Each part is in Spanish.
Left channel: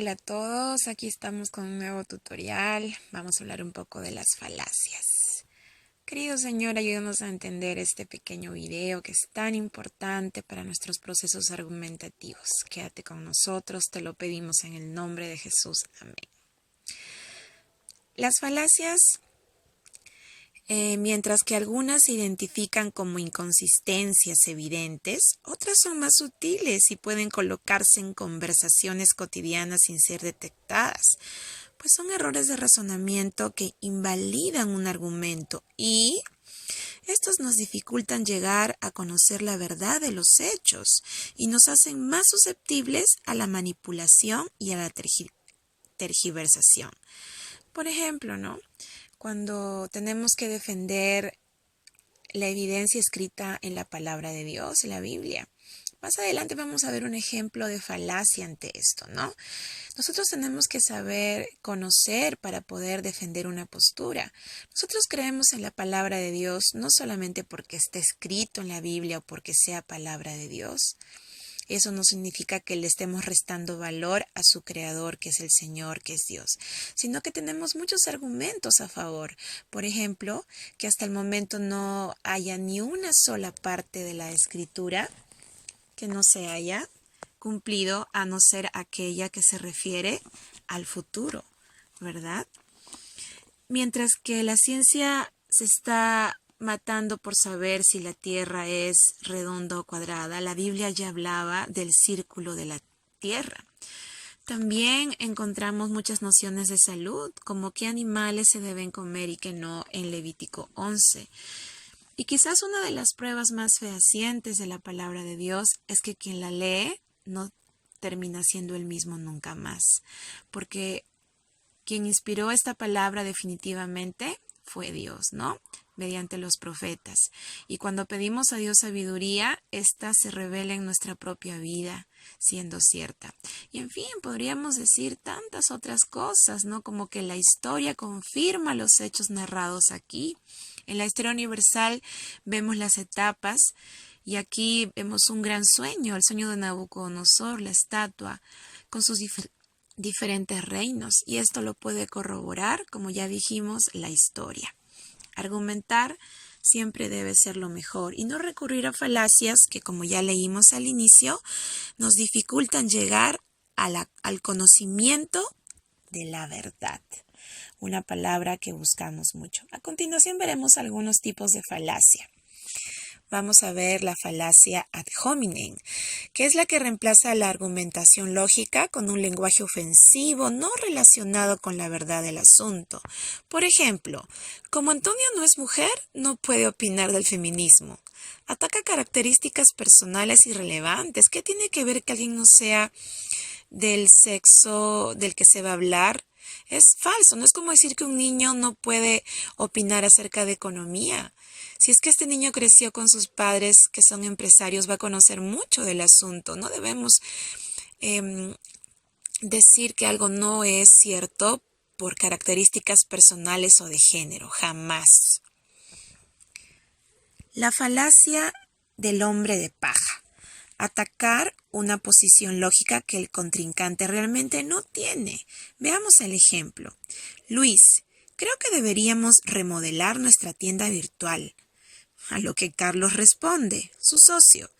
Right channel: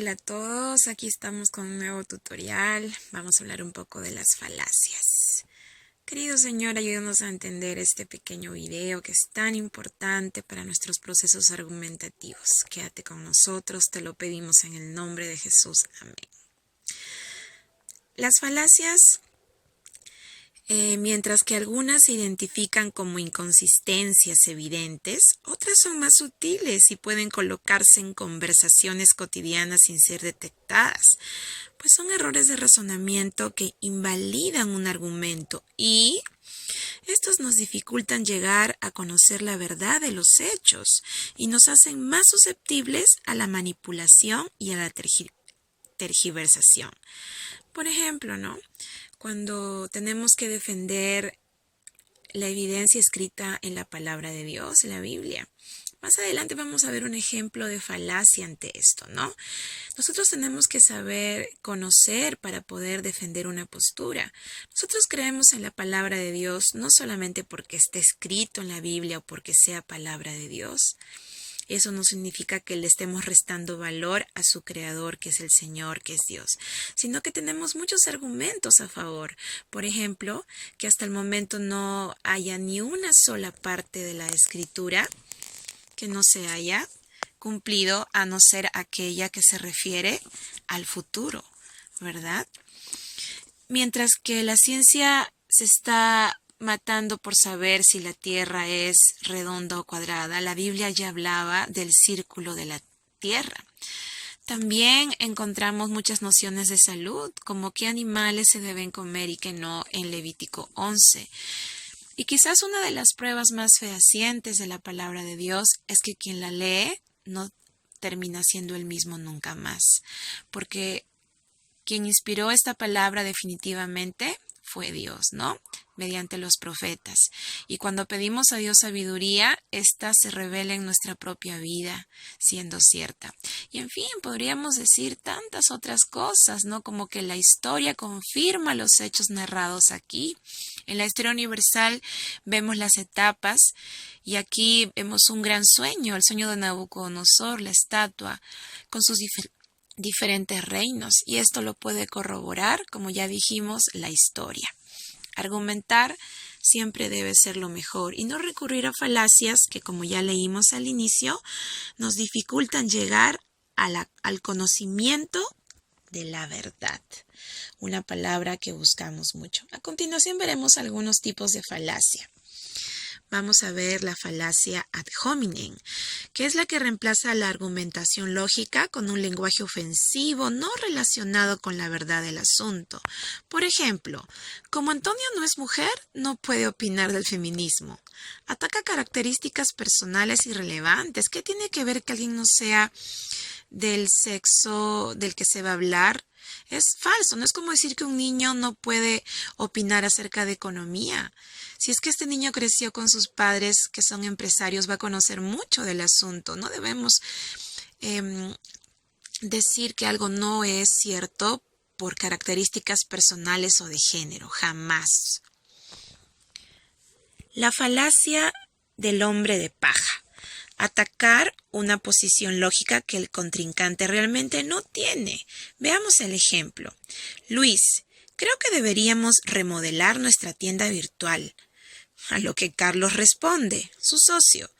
Hola a todos, aquí estamos con un nuevo tutorial. Vamos a hablar un poco de las falacias. Querido Señor, ayúdanos a entender este pequeño video que es tan importante para nuestros procesos argumentativos. Quédate con nosotros, te lo pedimos en el nombre de Jesús. Amén. Las falacias, mientras que algunas se identifican como inconsistencias evidentes, otras son más sutiles y pueden colocarse en conversaciones cotidianas sin ser detectadas, pues son errores de razonamiento que invalidan un argumento y estos nos dificultan llegar a conocer la verdad de los hechos y nos hacen más susceptibles a la manipulación y a la tergiversación. Por ejemplo, ¿no? Cuando tenemos que defender la evidencia escrita en la palabra de Dios, en la Biblia. Más adelante vamos a ver un ejemplo de falacia ante esto, ¿no? Nosotros tenemos que saber conocer para poder defender una postura. Nosotros creemos en la palabra de Dios no solamente porque esté escrito en la Biblia o porque sea palabra de Dios. Eso no significa que le estemos restando valor a su creador, que es el Señor, que es Dios, sino que tenemos muchos argumentos a favor. Por ejemplo, que hasta el momento no haya ni una sola parte de la Escritura que no se haya cumplido, a no ser aquella que se refiere al futuro, ¿verdad? Mientras que la ciencia se está matando por saber si la Tierra es redonda o cuadrada, la Biblia ya hablaba del círculo de la Tierra. También encontramos muchas nociones de salud, como qué animales se deben comer y qué no, en Levítico 11. Y quizás una de las pruebas más fehacientes de la palabra de Dios es que quien la lee no termina siendo el mismo nunca más, porque quien inspiró esta palabra definitivamente fue Dios, ¿no? Mediante los profetas. Y cuando pedimos a Dios sabiduría, ésta se revela en nuestra propia vida, siendo cierta. Y en fin, podríamos decir tantas otras cosas, ¿no? Como que la historia confirma los hechos narrados aquí. En la historia universal vemos las etapas y aquí vemos un gran sueño, el sueño de Nabucodonosor, la estatua, con sus diferentes reinos, y esto lo puede corroborar, como ya dijimos, la historia. Argumentar siempre debe ser lo mejor y no recurrir a falacias que, como ya leímos al inicio, nos dificultan llegar al conocimiento de la verdad, una palabra que buscamos mucho. A continuación veremos algunos tipos de falacia. Vamos a ver la falacia ad hominem, que es la que reemplaza la argumentación lógica con un lenguaje ofensivo no relacionado con la verdad del asunto. Por ejemplo, como Antonio no es mujer, no puede opinar del feminismo. Ataca características personales irrelevantes. ¿Qué tiene que ver que alguien no sea del sexo del que se va a hablar? Es falso, no es como decir que un niño no puede opinar acerca de economía. Si es que este niño creció con sus padres que son empresarios, va a conocer mucho del asunto. No debemos decir que algo no es cierto por características personales o de género, jamás. La falacia del hombre de paja. Atacar una posición lógica que el contrincante realmente no tiene. Veamos el ejemplo. Luis, creo que deberíamos remodelar nuestra tienda virtual. A lo que Carlos responde, su socio.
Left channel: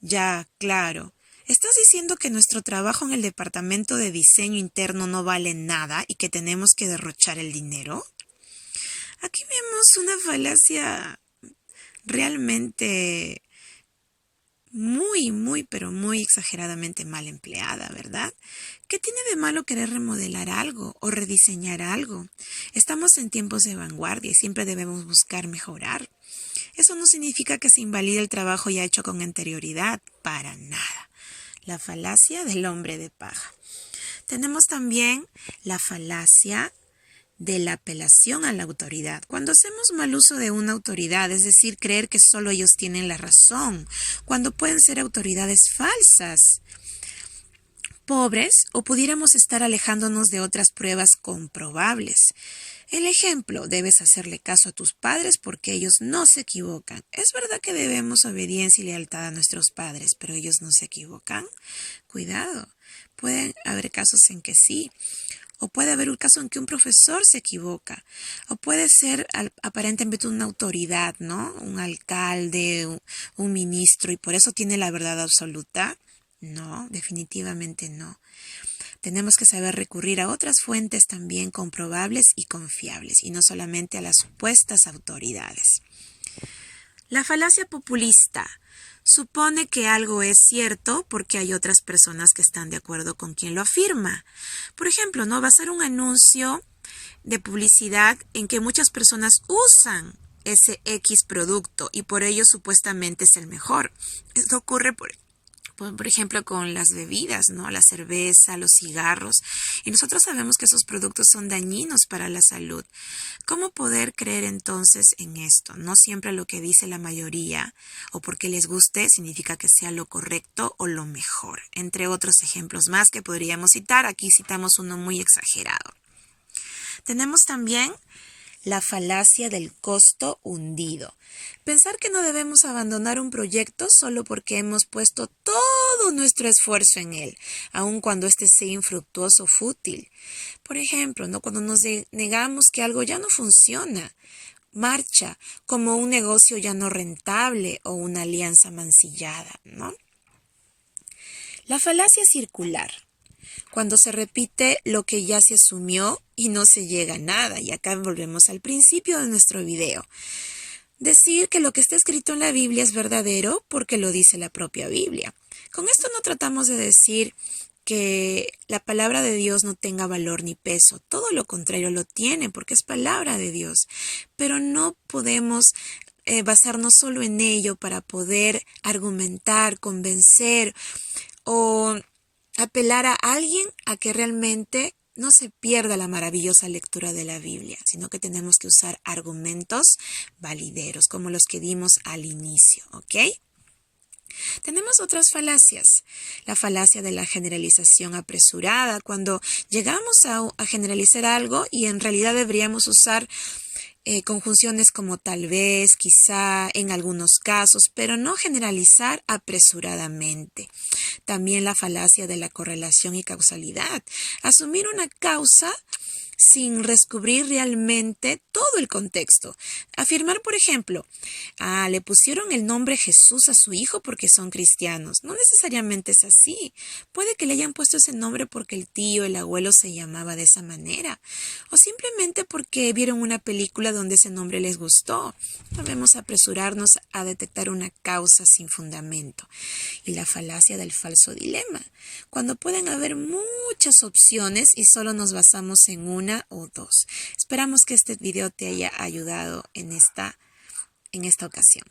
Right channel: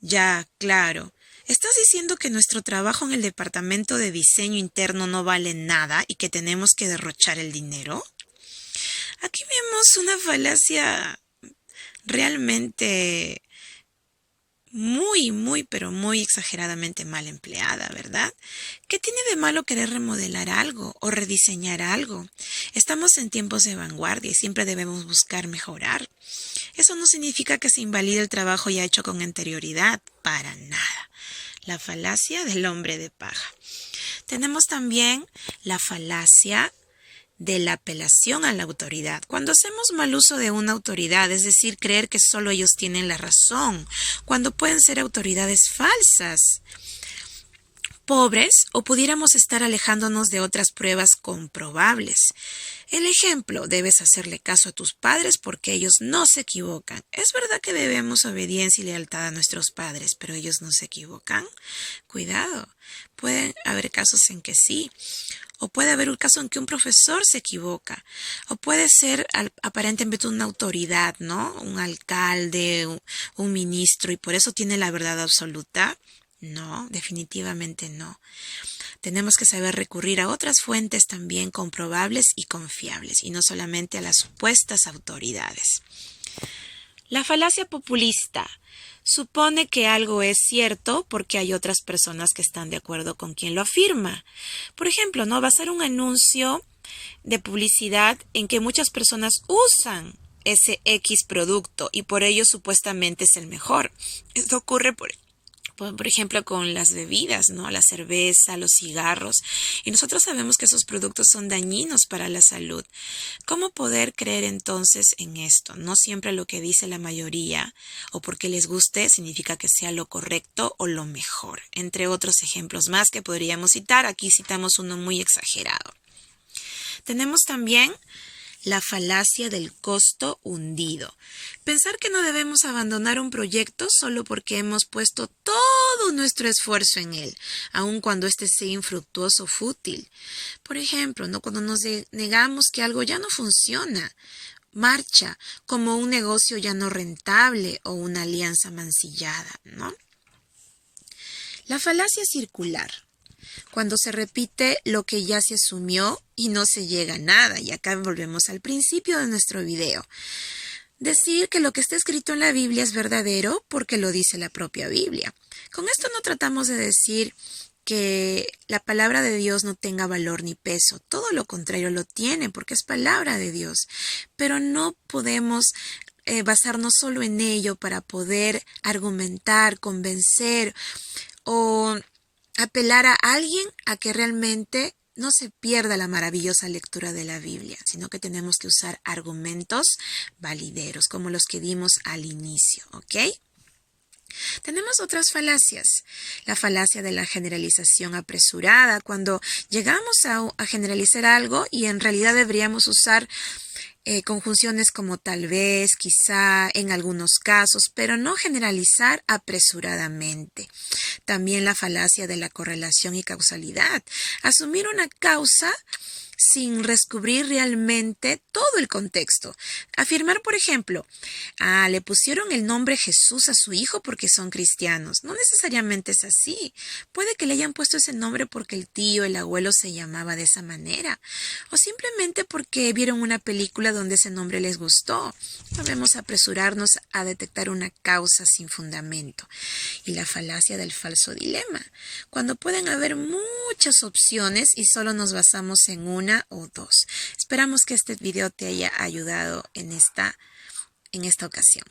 Ya, claro. ¿Estás diciendo que nuestro trabajo en el departamento de diseño interno no vale nada y que tenemos que derrochar el dinero? Aquí vemos una falacia realmente pero muy exageradamente mal empleada, ¿verdad? ¿Qué tiene de malo querer remodelar algo o rediseñar algo? Estamos en tiempos de vanguardia y siempre debemos buscar mejorar. Eso no significa que se invalide el trabajo ya hecho con anterioridad, para nada. La falacia del hombre de paja. Tenemos también la falacia de la apelación a la autoridad. Cuando hacemos mal uso de una autoridad, es decir, creer que solo ellos tienen la razón, cuando pueden ser autoridades falsas. pobres o pudiéramos estar alejándonos de otras pruebas comprobables. El ejemplo, debes hacerle caso a tus padres porque ellos no se equivocan. Es verdad que debemos obediencia y lealtad a nuestros padres, pero ellos no se equivocan. Cuidado, pueden haber casos en que sí. O puede haber un caso en que un profesor se equivoca. O puede ser aparentemente una autoridad, ¿no? Un alcalde, un ministro, y por eso tiene la verdad absoluta. No, definitivamente no. Tenemos que saber recurrir a otras fuentes también comprobables y confiables, y no solamente a las supuestas autoridades. La falacia populista supone que algo es cierto porque hay otras personas que están de acuerdo con quien lo afirma. Por ejemplo, ¿no? Basar un anuncio de publicidad en que muchas personas usan ese X producto y por ello supuestamente es el mejor. Esto ocurre por ejemplo, con las bebidas, ¿no? La cerveza, los cigarros. Y nosotros sabemos que esos productos son dañinos para la salud. ¿Cómo poder creer entonces en esto? No siempre lo que dice la mayoría o porque les guste significa que sea lo correcto o lo mejor. Entre otros ejemplos más que podríamos citar, aquí citamos uno muy exagerado. Tenemos también la falacia del costo hundido. Pensar que no debemos abandonar un proyecto solo porque hemos puesto todo nuestro esfuerzo en él, aun cuando éste sea infructuoso o fútil. Por ejemplo, ¿no? Cuando nos negamos que algo ya no funciona, marcha, como un negocio ya no rentable o una alianza mancillada, ¿no? La falacia circular. Cuando se repite lo que ya se asumió y no se llega a nada. Y acá volvemos al principio de nuestro video. Decir que lo que está escrito en la Biblia es verdadero porque lo dice la propia Biblia. Con esto no tratamos de decir que la palabra de Dios no tenga valor ni peso. Todo lo contrario lo tiene porque es palabra de Dios. Pero no podemos basarnos solo en ello para poder argumentar, convencer o apelar a alguien a que realmente no se pierda la maravillosa lectura de la Biblia, sino que tenemos que usar argumentos valideros, como los que dimos al inicio, ¿ok? Tenemos otras falacias. La falacia de la generalización apresurada, cuando llegamos a generalizar algo y en realidad deberíamos usar conjunciones como tal vez, quizá, en algunos casos, pero no generalizar apresuradamente. También la falacia de la correlación y causalidad. Asumir una causa sin descubrir realmente todo el contexto. Afirmar, por ejemplo, le pusieron el nombre Jesús a su hijo porque son cristianos. No necesariamente es así. Puede que le hayan puesto ese nombre porque el tío, el abuelo se llamaba de esa manera. O simplemente porque vieron una película donde ese nombre les gustó. No debemos apresurarnos a detectar una causa sin fundamento. Y la falacia del falso dilema. Cuando pueden haber muchas opciones y solo nos basamos en una o dos. Esperamos que este video te haya ayudado en esta ocasión.